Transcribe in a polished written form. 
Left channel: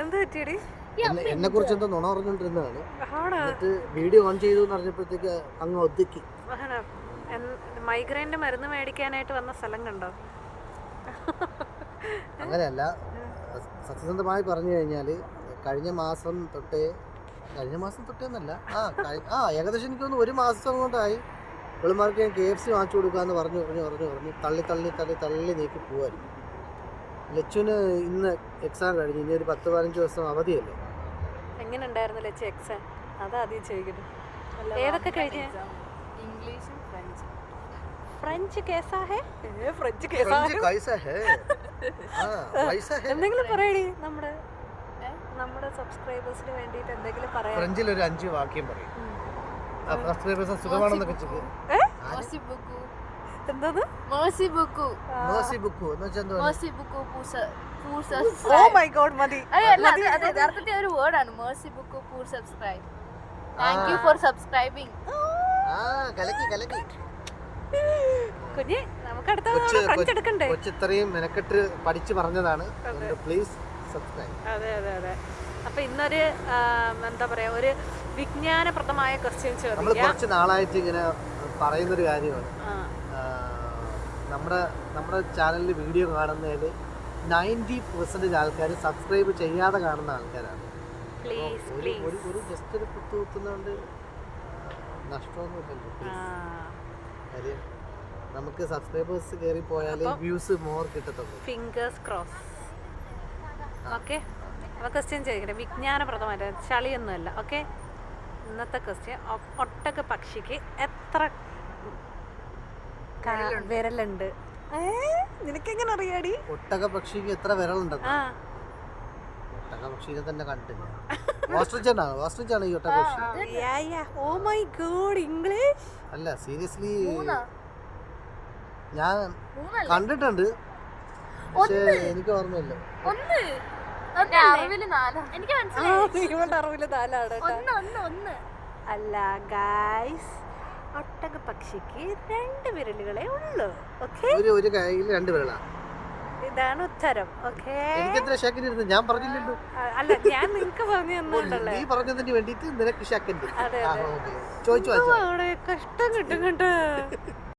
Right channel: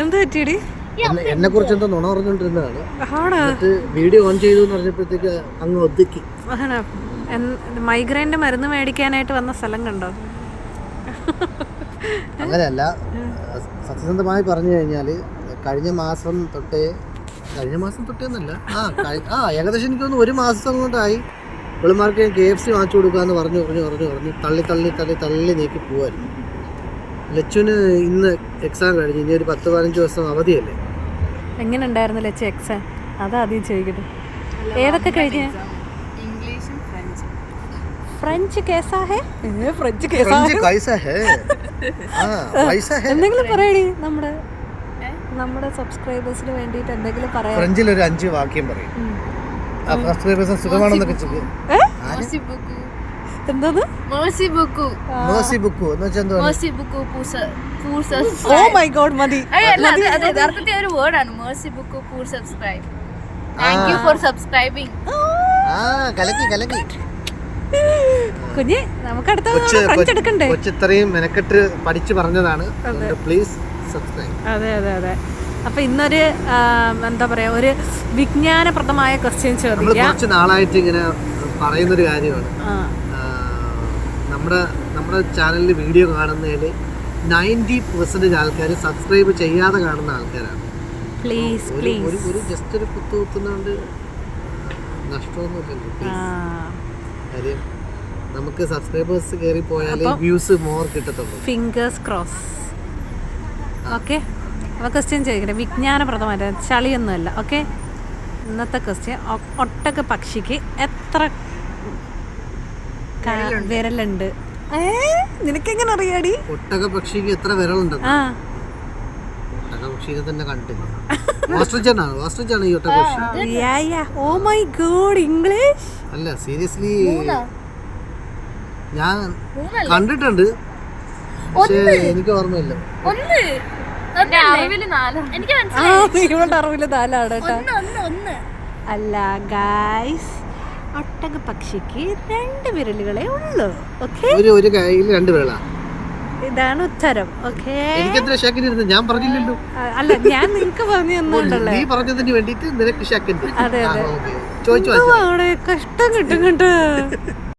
എന്ത് പറ്റിയടി? എന്നെ കുറിച്ച് എന്തോ നുണ പറഞ്ഞോണ്ടിരുന്നതാണ്. വീഡിയോ ഓൺ ചെയ്തു പറഞ്ഞപ്പോഴത്തേക്ക് അങ്ങ് ഒതുക്കി. മൈഗ്രെയിന്റെ മരുന്ന് മേടിക്കാനായിട്ട് വന്ന സ്ഥലം കണ്ടോ? അങ്ങനെയല്ല, സത്യസന്ധമായി പറഞ്ഞു കഴിഞ്ഞാല് കഴിഞ്ഞ മാസം തൊട്ടേന്നല്ല, ഏകദേശം എനിക്ക് തോന്നുന്നു 1 മാസം കൊണ്ടായി പിള്ളമാർക്ക് KFC വാങ്ങിച്ചു കൊടുക്കാന്ന് പറഞ്ഞു തള്ളി നീക്കി പോവായിരുന്നു. ലച്ചുവിന് ഇന്ന് എക്സാം കഴിഞ്ഞ് ഇനി ഒരു 10-15 ദിവസം അവധിയല്ലേ. എങ്ങനെ ഉണ്ടായിരുന്നു ലച്ചു എക്സാം? അതാദ്യം ചോദിക്കട്ടെ. ഏതൊക്കെ കഴിഞ്ഞ? ഫ്രഞ്ച് കേസാ ഹേ? ഫ്രഞ്ച് കേസാ ഹേ? എന്തെങ്കിലും പറയടി, നമ്മുടെ സബ്സ്ക്രൈബേഴ്സിന് വേണ്ടിയിട്ട് എന്തെങ്കിലും പറയാം. ഫ്രഞ്ചിൽ ഒരു 5 വാക്യം പറയും. സബ്സ്ക്രൈബേഴ്സ് സുഖമാണെന്നൊക്കെ ചോദിക്കും. എന്താണ് Merci beaucoup എന്ന് വെച്ചാൽ എന്തുവാ? Oh my god, മതി. അത് യഥാർത്ഥത്തിൽ ഒരു വേർഡാണ്. Merci beaucoup pour subscribe. Thank you for subscribing. കലക്കി കുഞ്ഞി, നമുക്ക് അടുത്ത ഫ്രഞ്ച് എടുക്കണ്ടേ? ഇത്രയും മെനക്കെട്ട് പഠിച്ചു പറഞ്ഞതാണ്. Please subscribe. അതെ. അപ്പൊ ഇന്നൊരു എന്താ പറയാ, ഒരു വിജ്ഞാനപ്രദമായ ക്വസ്റ്റ്യൻ ചോദിക്കാം. കുറച്ച് നാളായിട്ട് ഇങ്ങനെ പറയുന്നൊരു കാര്യമാണ്. നമ്മുടെ ചാനലിൽ വീഡിയോ കാണുന്നതിൽ 90% ആൾക്കാർ സബ്സ്ക്രൈബ് ചെയ്യാതെ കാണുന്ന ആൾക്കാരാണ്. പ്ലീസ് ഒരു ജസ്റ്റ് ഒരു കുത്തുന്നോണ്ട് നഷ്ടമൊന്നുമില്ല. കാര്യം നമുക്ക് സബ്സ്ക്രൈബേഴ്സ് കയറി പോയാൽ വ്യൂസ് മോർ കിട്ടത്തുള്ളൂ. Fingers cross. ഓക്കെ, അപ്പോൾ ക്വസ്റ്റ്യൻ ചോദിക്കട്ടെ, വിജ്ഞാനപ്രദമായിട്ട്, ചളിയൊന്നുമല്ല. ഓക്കെ, ഇന്നത്തെ ക്വസ്റ്റ്യൻ, ഒട്ടക പക്ഷിക്ക് എത്ര വിരലുണ്ട്? നിനക്കെങ്ങനെ അറിയാടി? ഒട്ടക പക്ഷിക്ക് എത്ര വിരലുണ്ട്? ഒട്ടക പക്ഷിനെ തന്നെ കണ്ടില്ല. ഓസ്ട്രിച്ച് ആണ് ഈ ഒട്ടക പക്ഷി. ഓ മൈ ഗോഡ്, ഇംഗ്ലീഷ് അല്ല, സീരിയസ്ലി ഞാൻ കണ്ടിട്ടുണ്ട്, പക്ഷേ എനിക്ക് ഓർമ്മയില്ല. അറിവില് 4 അല്ല ഗായ്സ്, ഒട്ടക പക്ഷിക്ക് 2 വിരലുകളേ ഉള്ളൂ. ഓക്കെ, ഒരു കൈയിൽ 2 വിരലാ. ഇതാണ് ഉത്തരം. ഓക്കെ, ഞാൻ പറഞ്ഞില്ലല്ലോ. അല്ല, ഞാൻ നിനക്ക് പറഞ്ഞു തന്നോണ്ടല്ലേ. നീ പറഞ്ഞതിന് വേണ്ടിട്ട് നിനക്ക് അതെ ചോദിച്ചു കഷ്ടം കിട്ടും കേട്ടോ.